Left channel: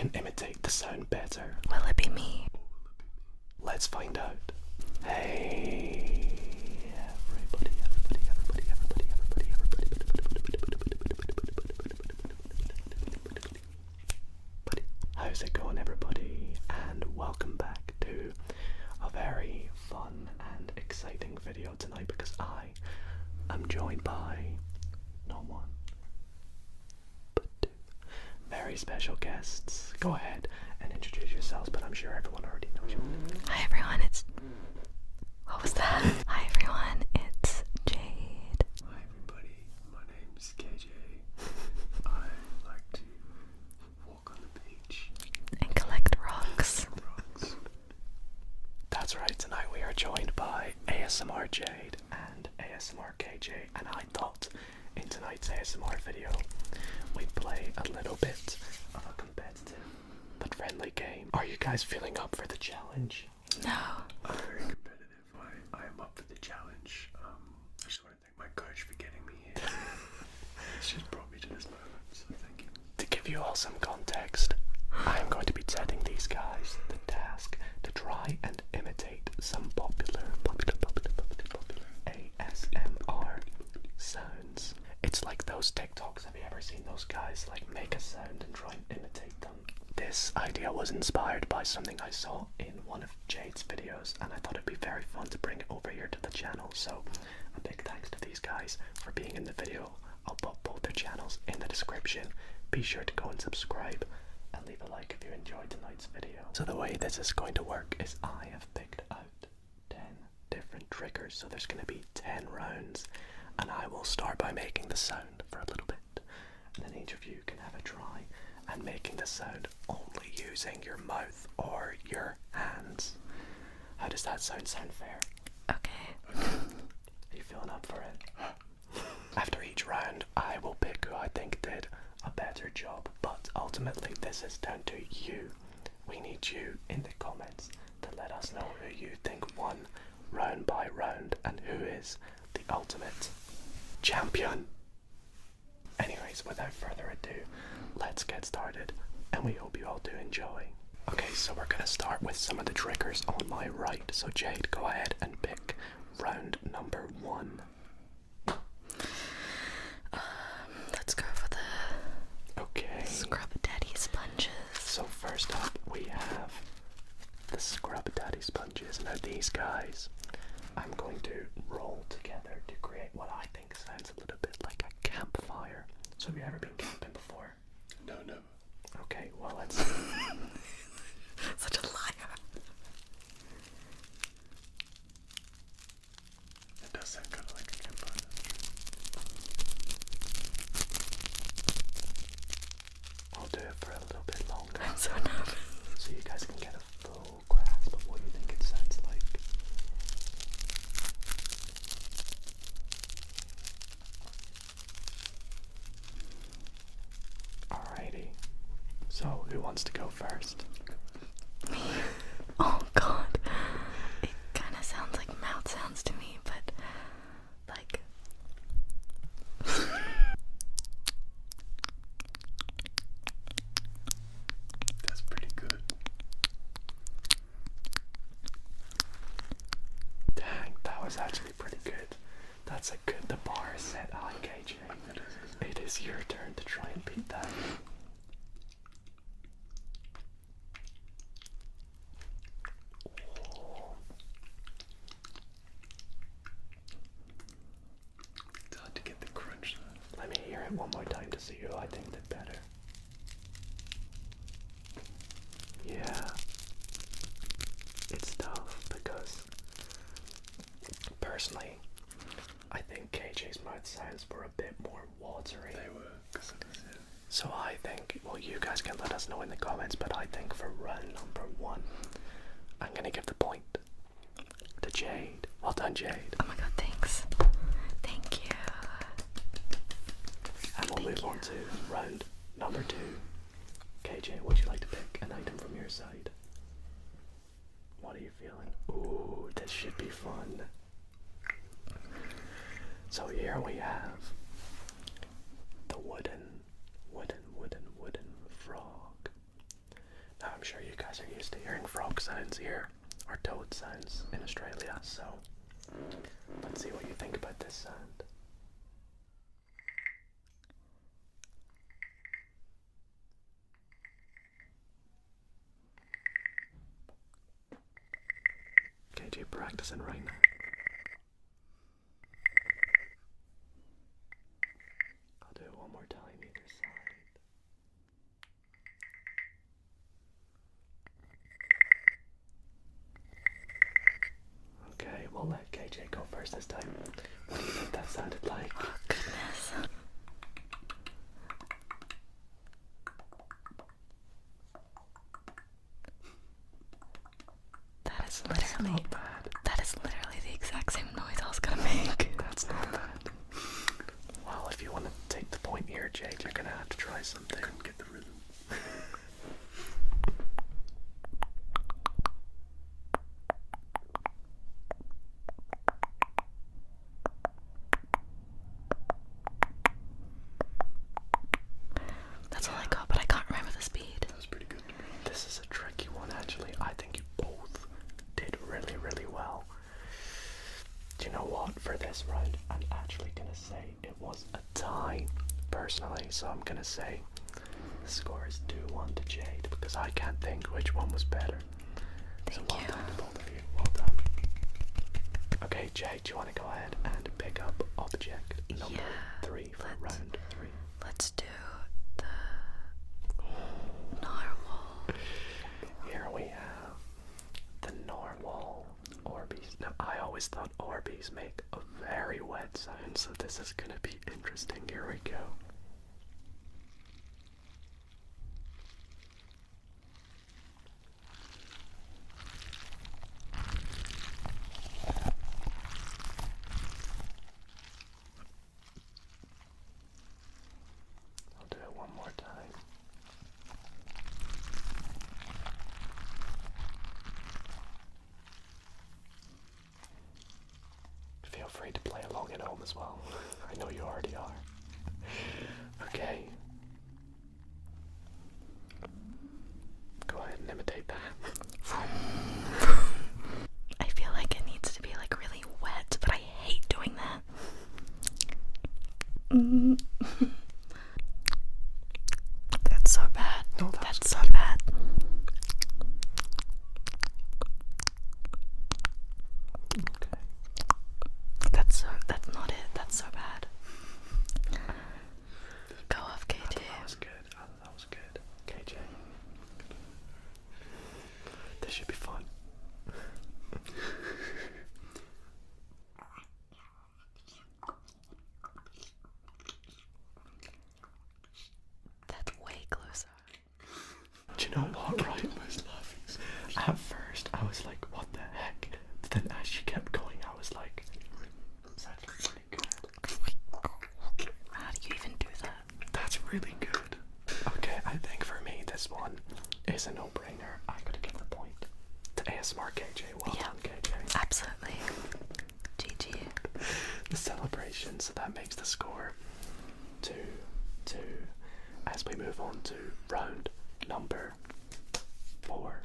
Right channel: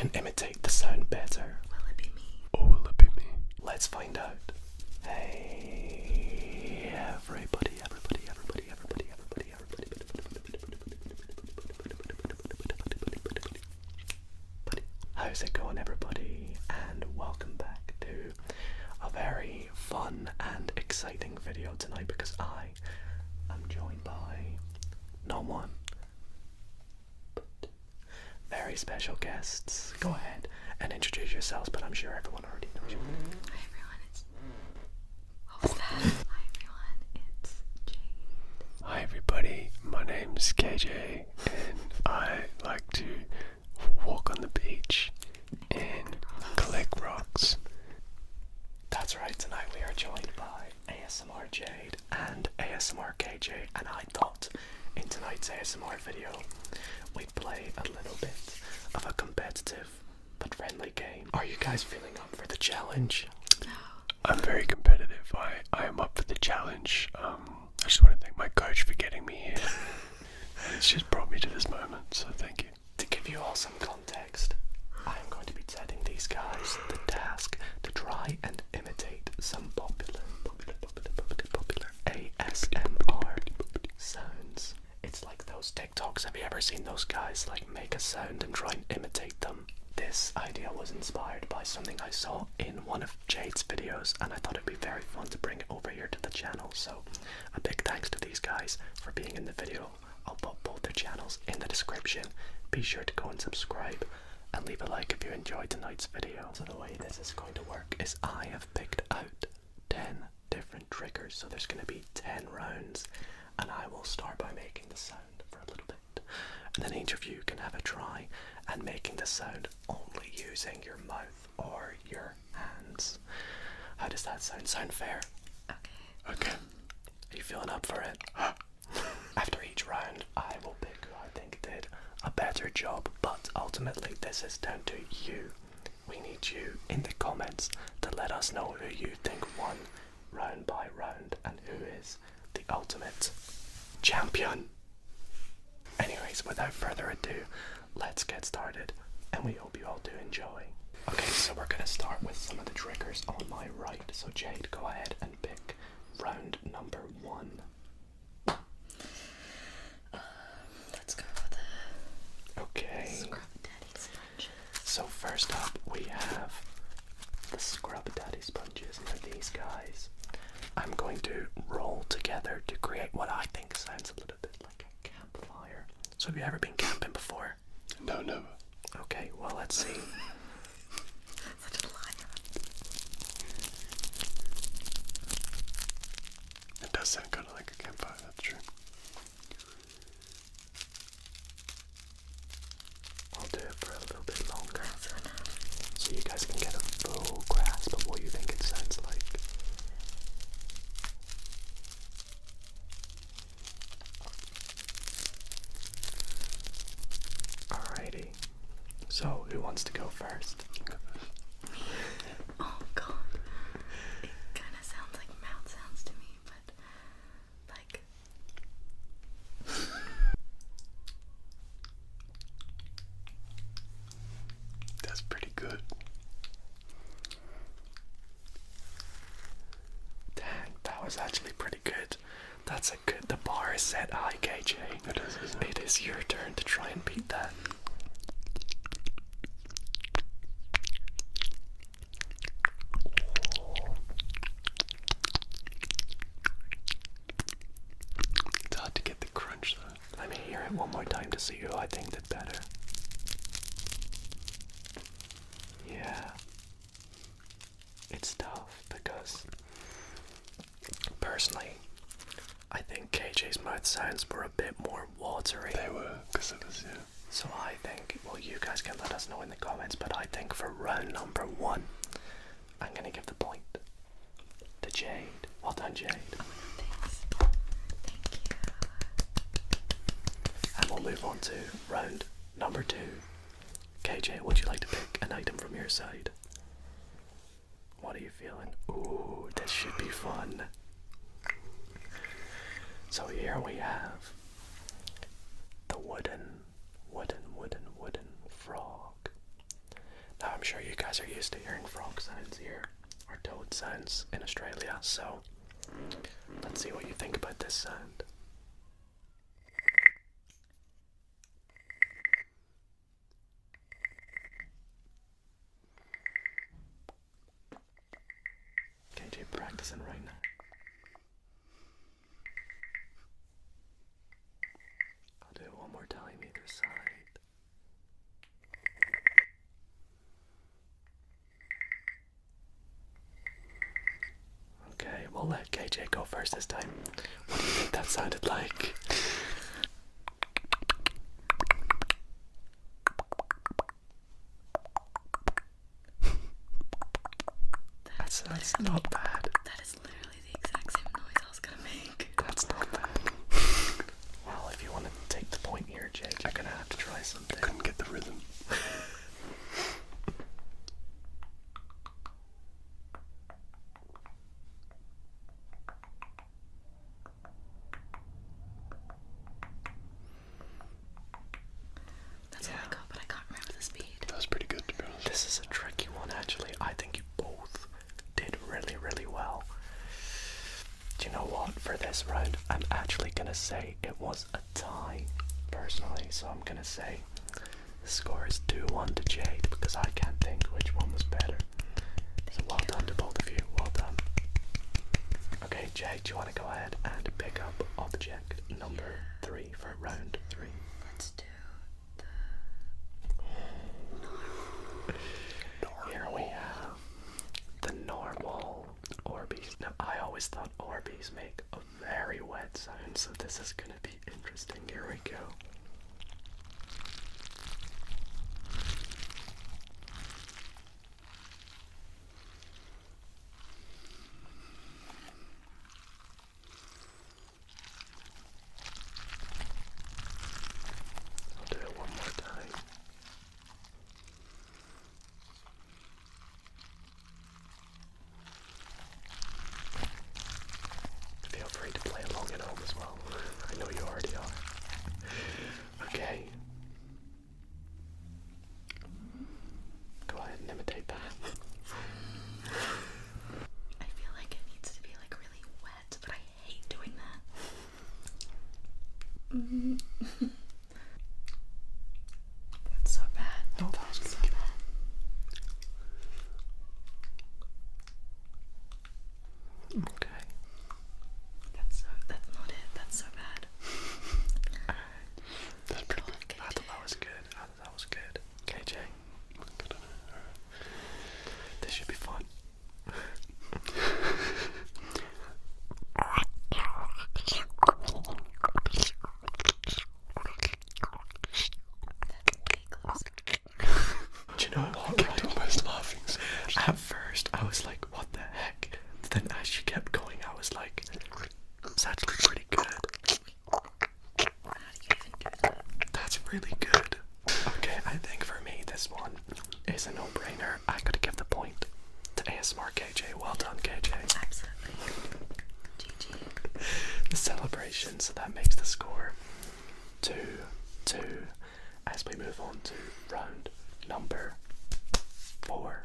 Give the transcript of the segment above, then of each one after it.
can imitate the sound better? Will it be me? Or will it be me? Let's find out. Hey, how's it going, everybody? And welcome back to a very fun and exciting video tonight, because I am joined by not one, but two very special guests. Go ahead and introduce yourselves, but I'm sure everyone already knows you. Hi everyone, what was that? Hi everyone, it's Jade. Hi everybody, my name's KJ and I like to walk on the beach And collect rocks. collect rocks. That's right, tonight we are joined by ASMR Jade and ASMR KJ, and I thought in tonight's ASMR video we'd play a little bit of a competitive but friendly game. Are you guys feeling up for the challenge? No. I'm very competitive. I am up for the challenge. I just want to thank my coach for getting me here. It's just brought me to this moment, so thank you. To give you all some context, I'm going to be setting these guys the task to try and imitate some popular ASMR sounds. It's like those TikToks. Have you ever seen those guys like make a sound and try and imitate them? This idea was inspired by something I saw in one of Jade's videos, and I thought it'd be very fun to bring it over here to the channel. So a big thanks to these guys for being in the video. I'll put both their channels in the description. Be sure to go and subscribe and leave a like if you enjoyed tonight's video. So the way this is going to work is I have picked out 10 different triggers. So there's going to be 10 rounds, and I will start by making the sound for a little bit, and then each of you can have a try and making the sound only using your mouth or your hands. How does that sound? Sound fair? Okay. Are you feeling up for it? After each round, I will pick who I think did a better job, but ultimately this is down to you. We need you in the comments to let us know who you think won round by round and who is the ultimate champion. Anyways, without further ado, let's get started, and we hope you all do enjoy. Okay, so we're gonna start with some of the triggers on my right. So Jade, go ahead and pick round number 1. Let's go for the Okay. Scrub Daddy sponges. So first up, we have the Scrub Daddy sponges. Now these guys, I'm going to roll together to create what I think sounds a little bit like a campfire. So have you ever been camping before? No, never. Okay, well let's see. Such a liar. It does sound kind of like a campfire, that's true. I'll do it for a little bit longer, That's enough. so you guys can get a full grasp of what you think it sounds like. Alrighty, so who wants to go first? Oh god. It kind of sounds like mouth sounds to me, but like... That's pretty good. Dang, that was actually pretty good. That's a good, the bar is set high, KJ. It is, isn't it? It is your turn to try and beat that. It's hard to get the crunch though. Let me hear it one more time to see who I think did better. Yeah. It's tough because, personally, I think KJ's mouth sounds were a bit more watery. They were, because of this, yeah. So I think, well, you guys can let us know in the comments, but I think for round number 1, I'm gonna give the point to Jade. Well done, Jade. Oh my god, thanks. Thank you. And we'll move on to round number 2. KJ, would you like to pick an item from your side? What are you feeling? Ooh, this should be fun. So here we have the wooden frog. I'm sure you guys are used to hearing frog sounds here, or toad sounds in Australia, so let's see what you think about this sound. KJ practicing right now. I'll do it one more time either side. Okay, we'll let KJ go first this time. What do you think that sounded like? That's not bad. That is literally the exact same noise I was gonna make. That's not bad. Well, if you want to take the point here, Jake, you're gonna have to try something. Couldn't get the rhythm. That's all I got, but I can't remember the speed. That was pretty good, to be honest. This is a tricky one, actually. I think you both did really, really well. Do you know what? For this round, I'm actually gonna say it was a tie, personally. So I'm gonna say the score is 2-1 to Jade, because I can't think which one was better. So well done to both of you. Well done. Okay, Jade, do you want to go ahead and pick up object number 3 for round 3? Let's do the normal. Here we have the normal Orbeez. Now, I always thought Orbeez make a very wet sound, so this is gonna be interesting. Here we go. I'll do it one more time. Feel free to play along at home as well. I know you already are. Okay. Go ahead and imitate that. I feel like it needs to be like really wet, but I hate doing that. That's so bad. No, that's so bad. Okay. That's not it. That's so bad. Go off, KJ. I thought that was good. I thought that was good. KJ. This should be fun. That's way closer. Do you know what, right? Almost laughing so much. At first, I was like, what the heck? But then as you kept going, I was like, it's actually pretty good. How do you even do that? That's really good. Okay, I think for me, this one is a no-brainer. I gotta give the point to ASMR KJ. Well done, KJ. Absolutely. GG. The celebration, so that makes the score 2-2 as we move on to round number 4.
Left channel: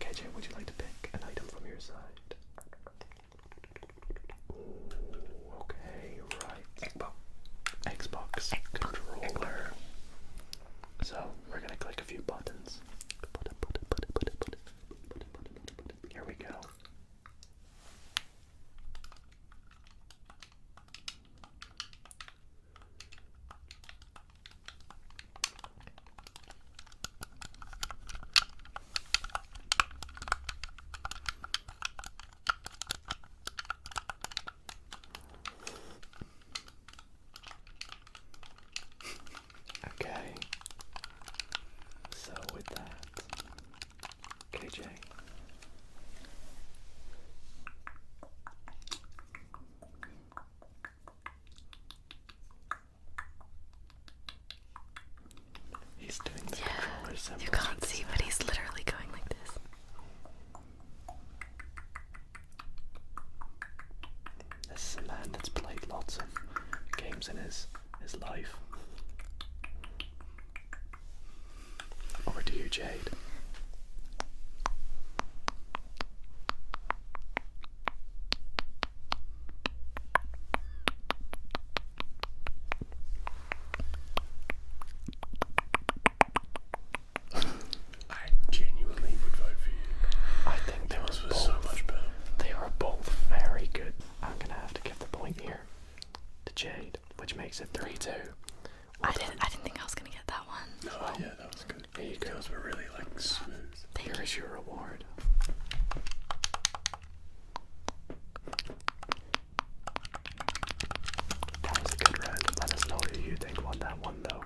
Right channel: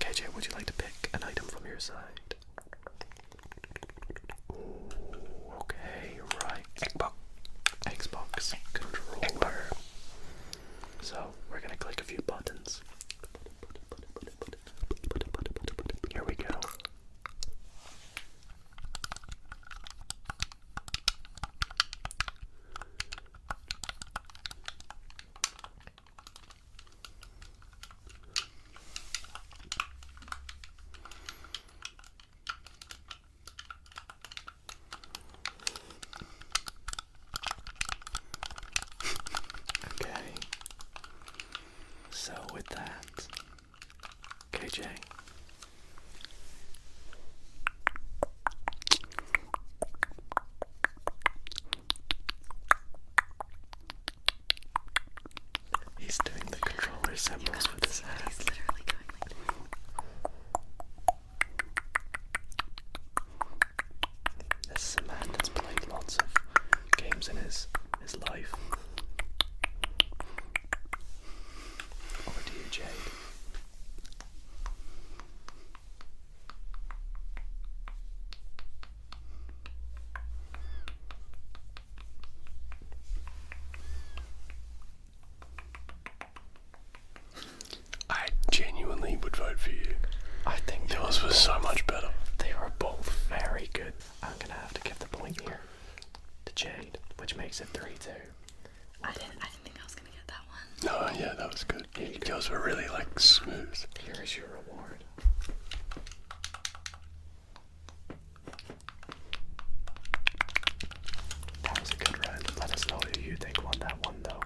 KJ, would you like to pick an item from your side? Ooh, okay, right. Xbox controller. So we're gonna click a few buttons. Here we go. Okay. So with that, KJ. He's doing the controller symbols You with can't his see, but he's literally going like this. This is a man that's played lots of games in his life. Over to you, Jade. makes it 3-2. I didn't think I was gonna get that one. No, yeah, that was good. Yours were really like smooth. Here is your reward. That was a good round. Let us know who you think won that one though.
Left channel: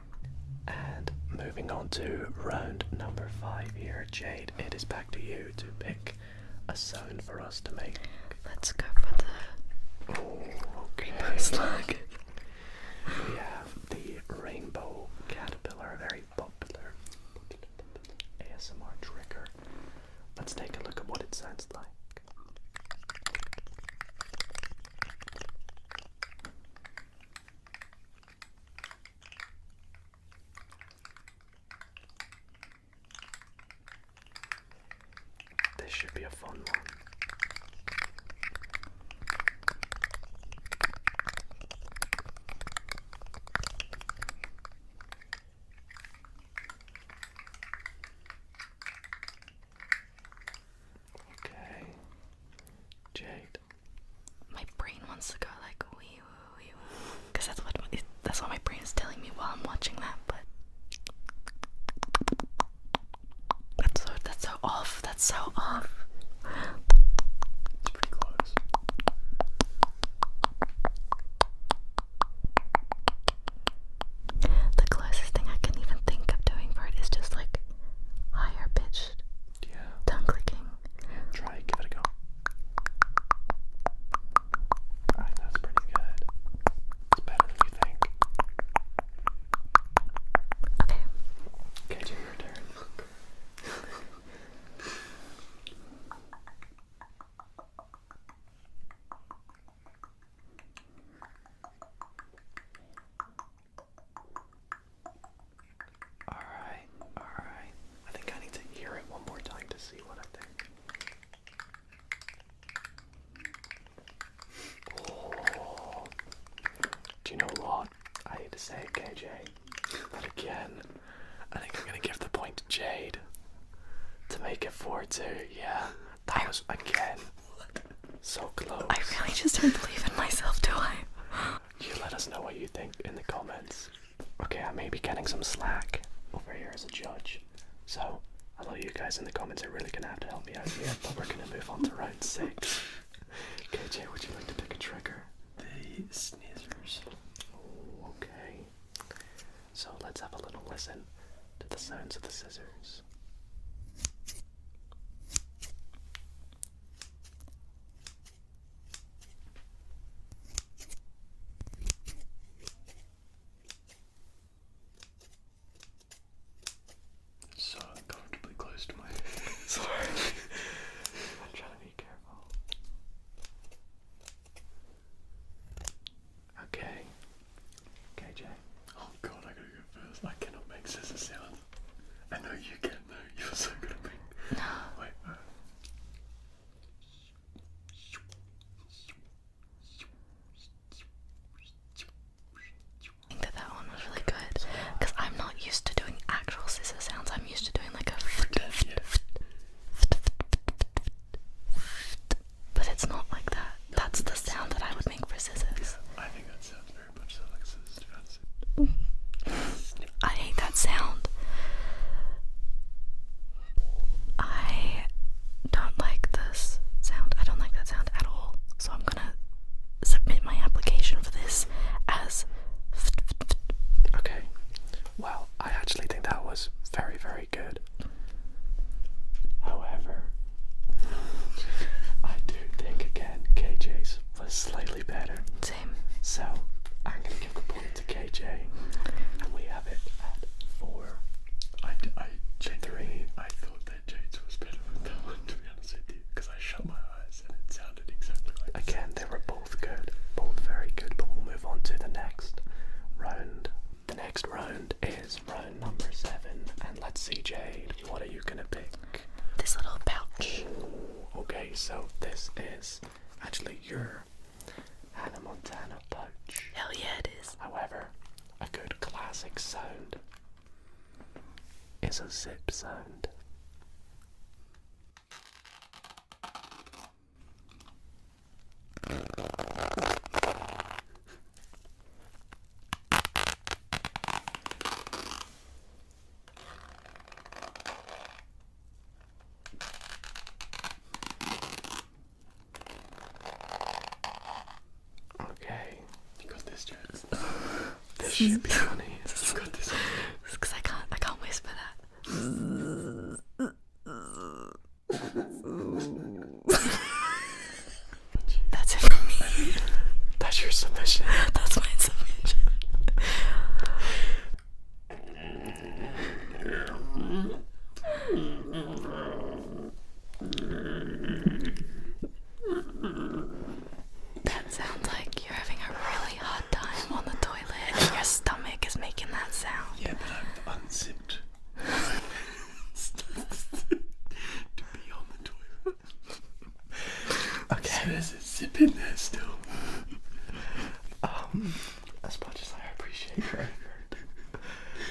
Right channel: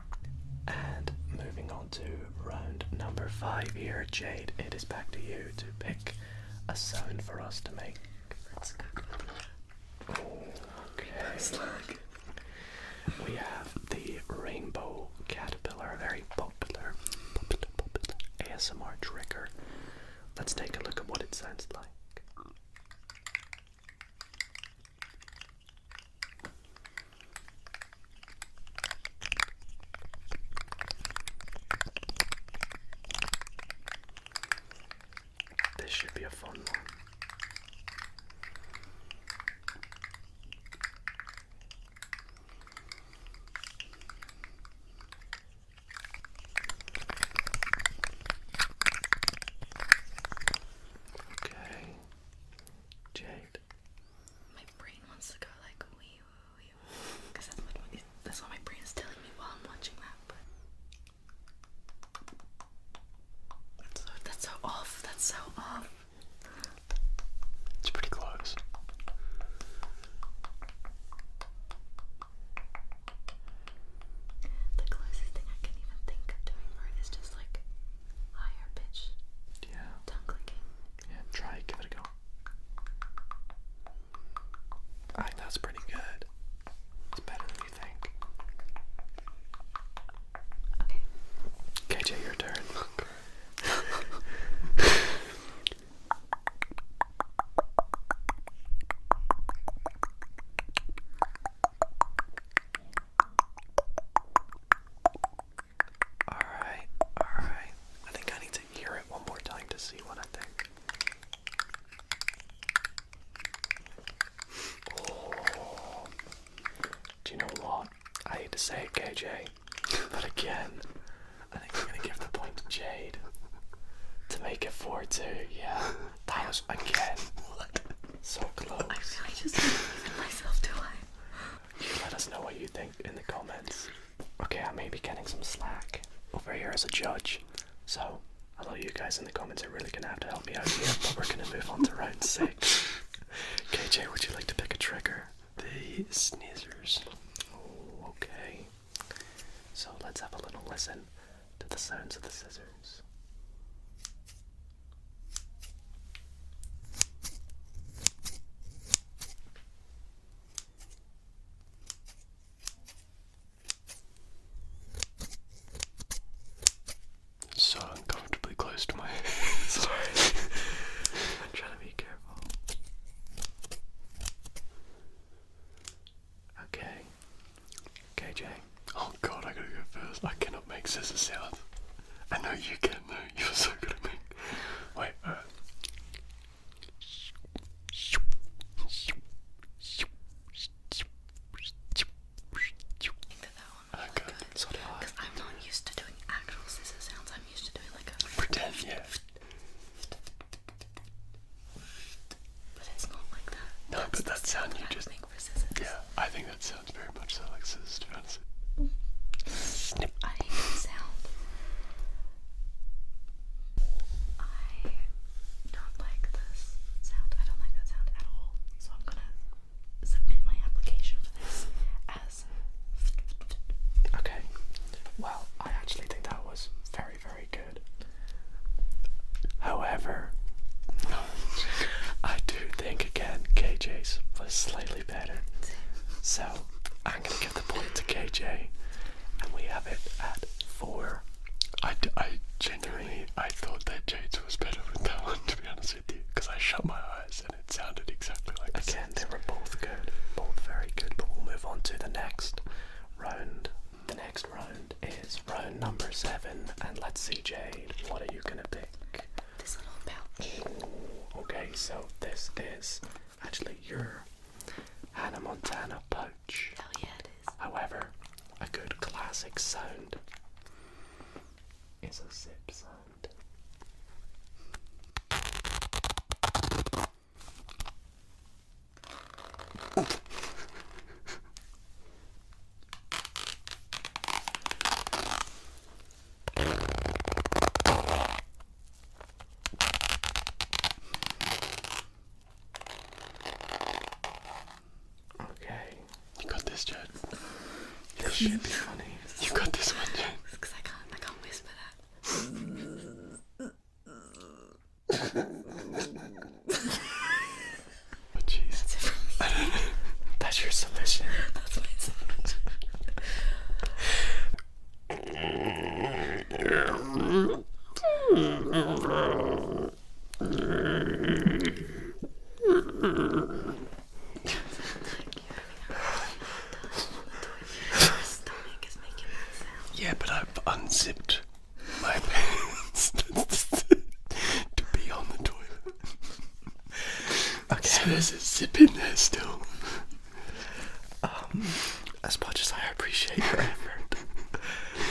And moving on to round number 5 here, Jade, it is back to you to pick a sound for us to make. Let's go for the Okay. We have the rainbow caterpillar, a very popular ASMR trigger. Let's take a look at what it sounds like. This should be a fun one. Okay, Jade. My brain wants to go like wee woo wee woo, because that's what my brain is telling me while I'm watching that. But that's so off. That's so off. It's pretty close. The closest thing I can even think of doing for it is just like higher pitched Yeah. tongue clicking. Yeah, try it, give it a go. I think that's pretty good. It's better than you think. Okay. KJ, your turn. Alright. I think I need to hear it one more time to see what I think. Oh. Do you know what? I hate to say it, KJ, but again, I think I'm gonna give the point to Jade to make it 4-2. Yeah, that was again so close. I really just don't believe in myself, do I? You let us know what you think in the comments. Okay, I may be getting some slack over here as a judge, so a lot of you guys in the comments are really gonna have to help me out here, but we're gonna move on to round 6. KJ, would you like to pick a trigger? The sneezers. Oh, okay. So let's have a little listen to the sounds of the scissors. So uncomfortably close to my Sorry. I'm trying to be careful. Okay. KJ. Oh god, I gotta go first. I cannot make scissor sounds. I know you can though. You're so good at me. Wait, I think that one was really good, because I'm not used to doing actual scissor sounds. I'm used to doing like a pretend, yeah. but it's not like that. No, That's but the that sound sound that I just- would make for scissors. Yeah, I think that sounds very much so like scissors, to be honest. Snip. I hate that sound. I don't like this sound. I don't like that sound at all. So I'm gonna submit my application for this as Okay. Well, I actually think that was very, very good. However, I do think again KJ's was slightly better. same. So I'm gonna give the point to KJ, and we have it at 4. I genuinely, I thought that Jade's was better with that one, to be honest with you, because I shut my eyes and it sounded exactly like this. Again, they were both good, both very good, but we'll move on to the next round. The next round is round number 7, and let's see, Jade, what are you gonna pick? This little pouch. Okay, so this is actually your Hannah Montana pouch. Hell yeah, it is. However, a good classic sound is a zip sound. should be funny. You've got this one. Because I can't whisper that. That's it from me. That's your submission. That's my submission. That sounds like you're having a really hard time on the toilet and your stomach is making that sound. Yeah, but I've unzipped my pants to be on the toilet. Okay. So there's a zip in there still. As much as I appreciate your effort,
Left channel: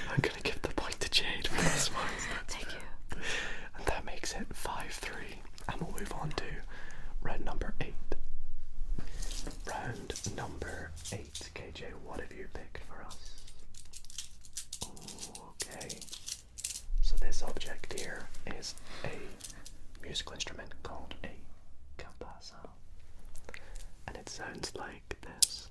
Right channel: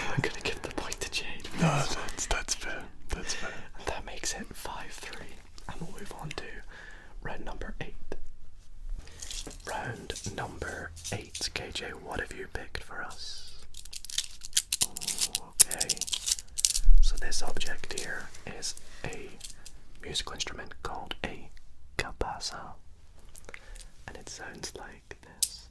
I'm gonna give the point to Jade for this one. That's fair. That's fair. And that makes it 5-3. And we'll move on to round number 8. Round number 8. KJ, what have you picked for us? Okay. So this object here is a musical instrument called a cabasa. And it sounds like this.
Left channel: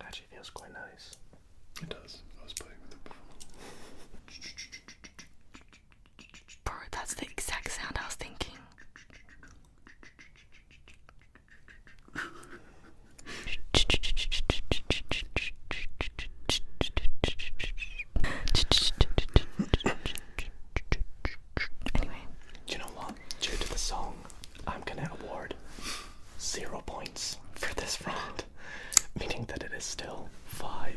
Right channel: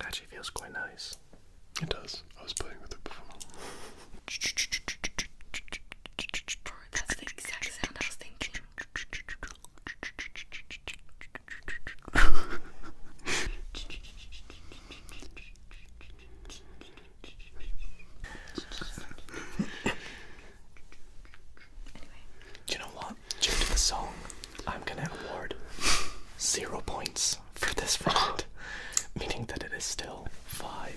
Actually feels quite nice. It does. I was playing with it before. Bro, that's the exact sound I was thinking. Anyway. Do you know what? Due to the song, I'm gonna award 0 points for this round, meaning that it is still 5-4.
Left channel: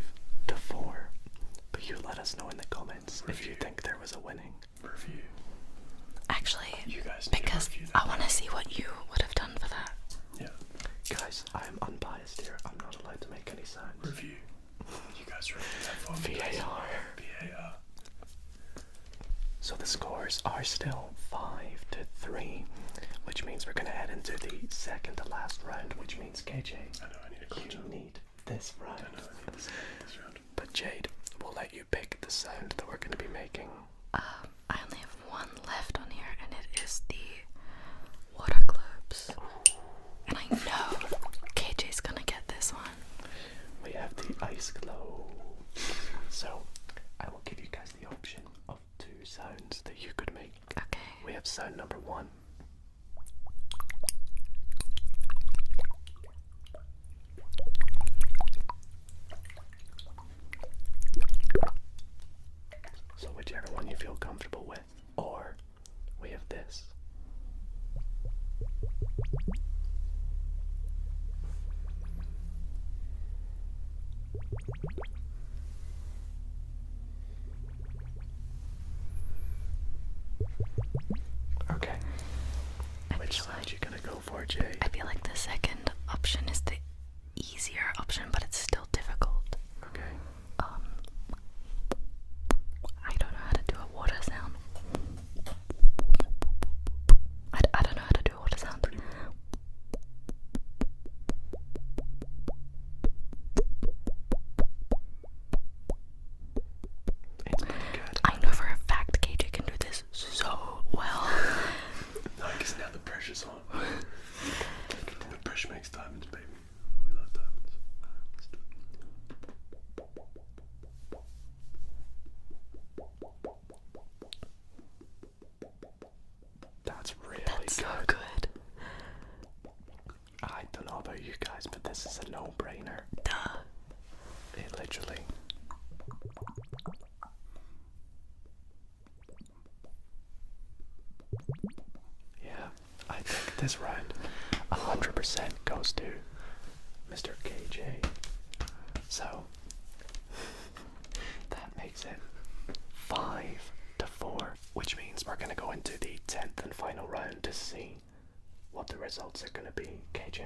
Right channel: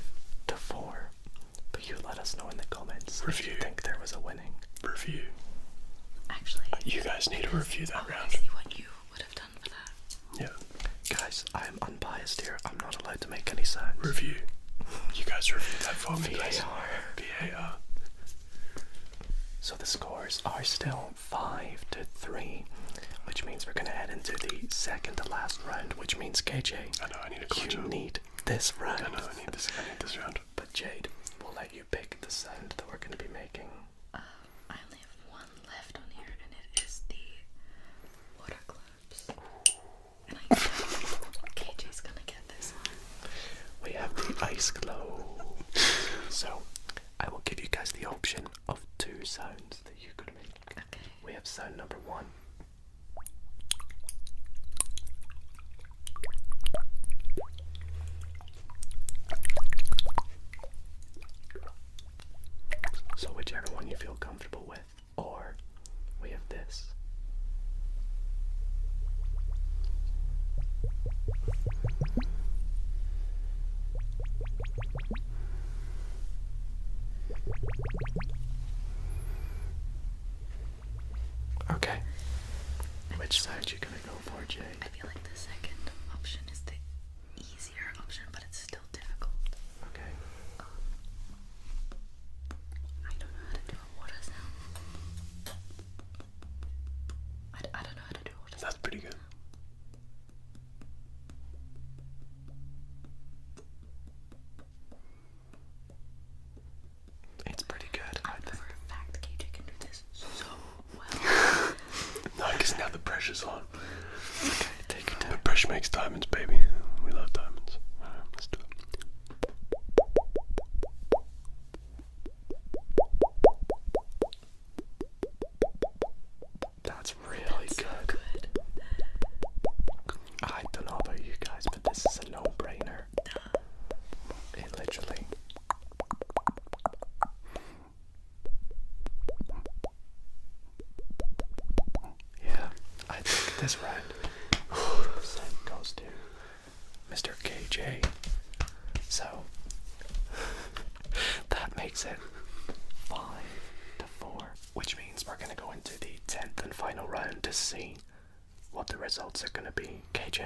But you let us know in the comments if you think there was a winning. Review. Actually, You guys need to because review I that want round. to see what you would have done for that. Yeah. Guys, I am unbiased here. I'm not allowed to make any sounds. Review. You guys review that for me. please. VAR. VAR. So the scores are still 5-3, which means we're gonna head into the second to last round, which means KJ, I know, I need a clutch you up. need this round. I know, I need this round. But Jade, we'll let you pick the sound that we're gonna be making. I only have one left on here, and it is the water globes. And I know KJ's gonna get this one. We have the ice globe. So I will give you guys the option of 2 sounds that you could make. Okay. We have sound number 1. So whichever one you feel comfortable with. Or we have this. Okay. Which sound you gonna go for, Jay? I feel like the second option is the easier option, but it's still difficult. Okay. I don't know how to do a water sound. I don't know how to do a water That's sound. pretty good. It's pretty good. I know for a fact KJ can do this so well. No, because now the pressure's on. Take your time. But pressure makes diamonds, baby. We love diamonds. Alright, let's do it. That's really That's so good. good. I don't know about you guys, but this is a no-brainer. Duh. It literally. Yeah, I think this round 100% goes to Mr. KJ. So that makes it 5-4, which means we're gonna go into the 10th and final round to see what the results are gonna be. KJ,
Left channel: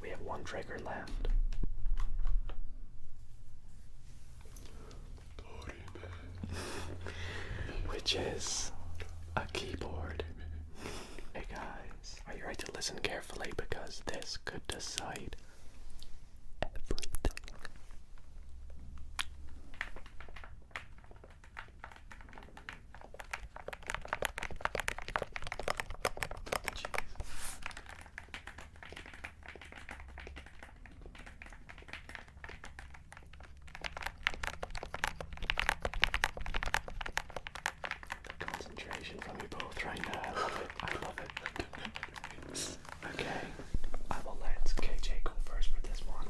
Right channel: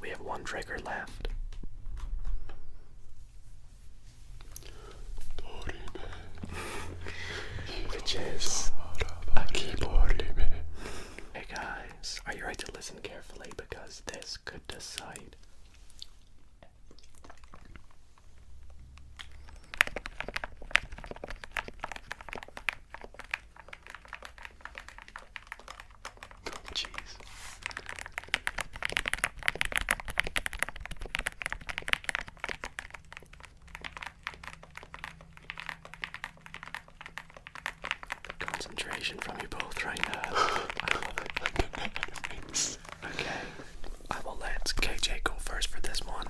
we have 1 trigger left. Which is a keyboard. Hey guys, are you ready to listen carefully because this could decide everything. Jeez. The concentration from you both right now. I love it. Okay, I will let KJ go first for this one.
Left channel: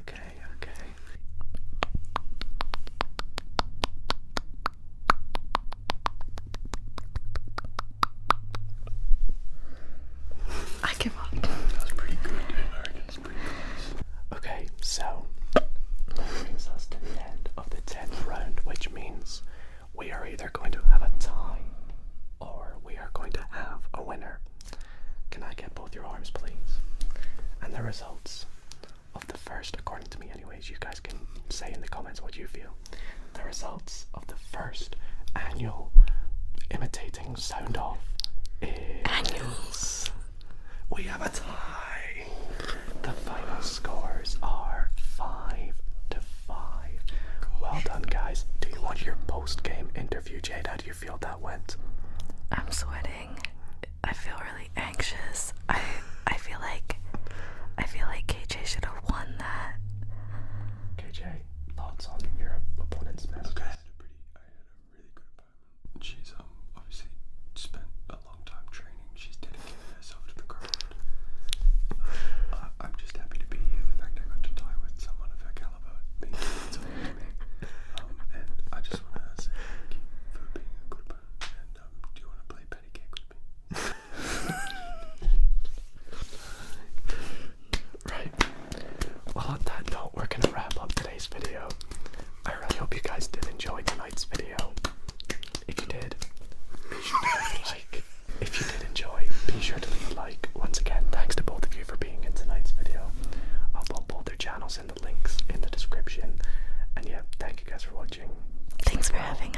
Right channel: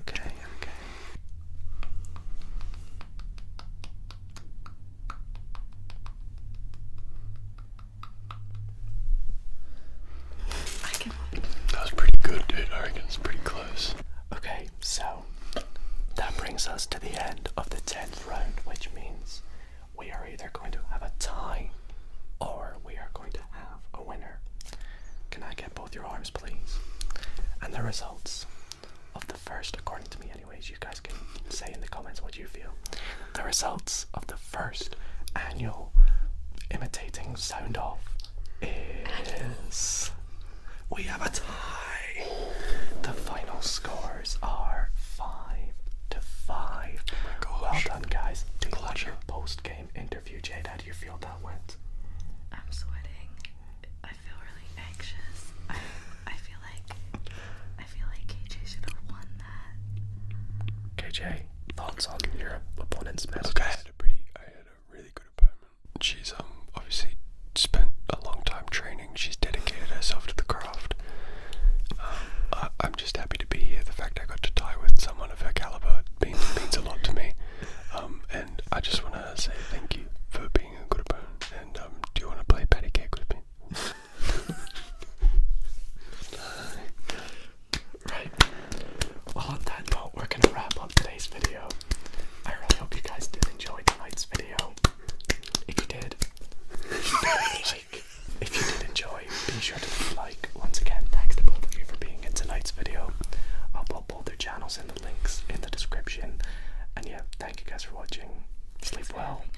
Okay. I give up. That was pretty good, dude. I reckon it's pretty close. Okay, so that brings us to the end of the 10th round, which means we are either going to have a tie or we are going to have a winner. Can I get both your arms, please? And the results of the first, according to me anyways, you guys can say in the comments what you feel. The results of the first annual Imitating Sound Off is... we have a tie. The final scores are 5-5. Well done, guys. Do you want your post-game interview, Jade? How do you feel that went? I'm sweating. I feel really anxious. I feel like KJ should have won that. KJ, thoughts on your opponent's messages? Look, I had a really good opponent. She's obviously spent a long time training. She's dedicated herself to the craft. I'm just happy to be here. The fact I got to tie with someone of her caliber means a lot to me. And I just want to say thank you for being a good opponent. And do you want to play patty cake with me? Right. Well, on that note, we're gonna wrap up today's video. I really hope you guys did enjoy tonight's video. If you did, if you did enjoy, be sure to leave a like. Once again, thanks to both of you for being in tonight's video. I'll put both their channels in the links in the description. And yeah, thank you guys for watching. Thanks Sleep for well. having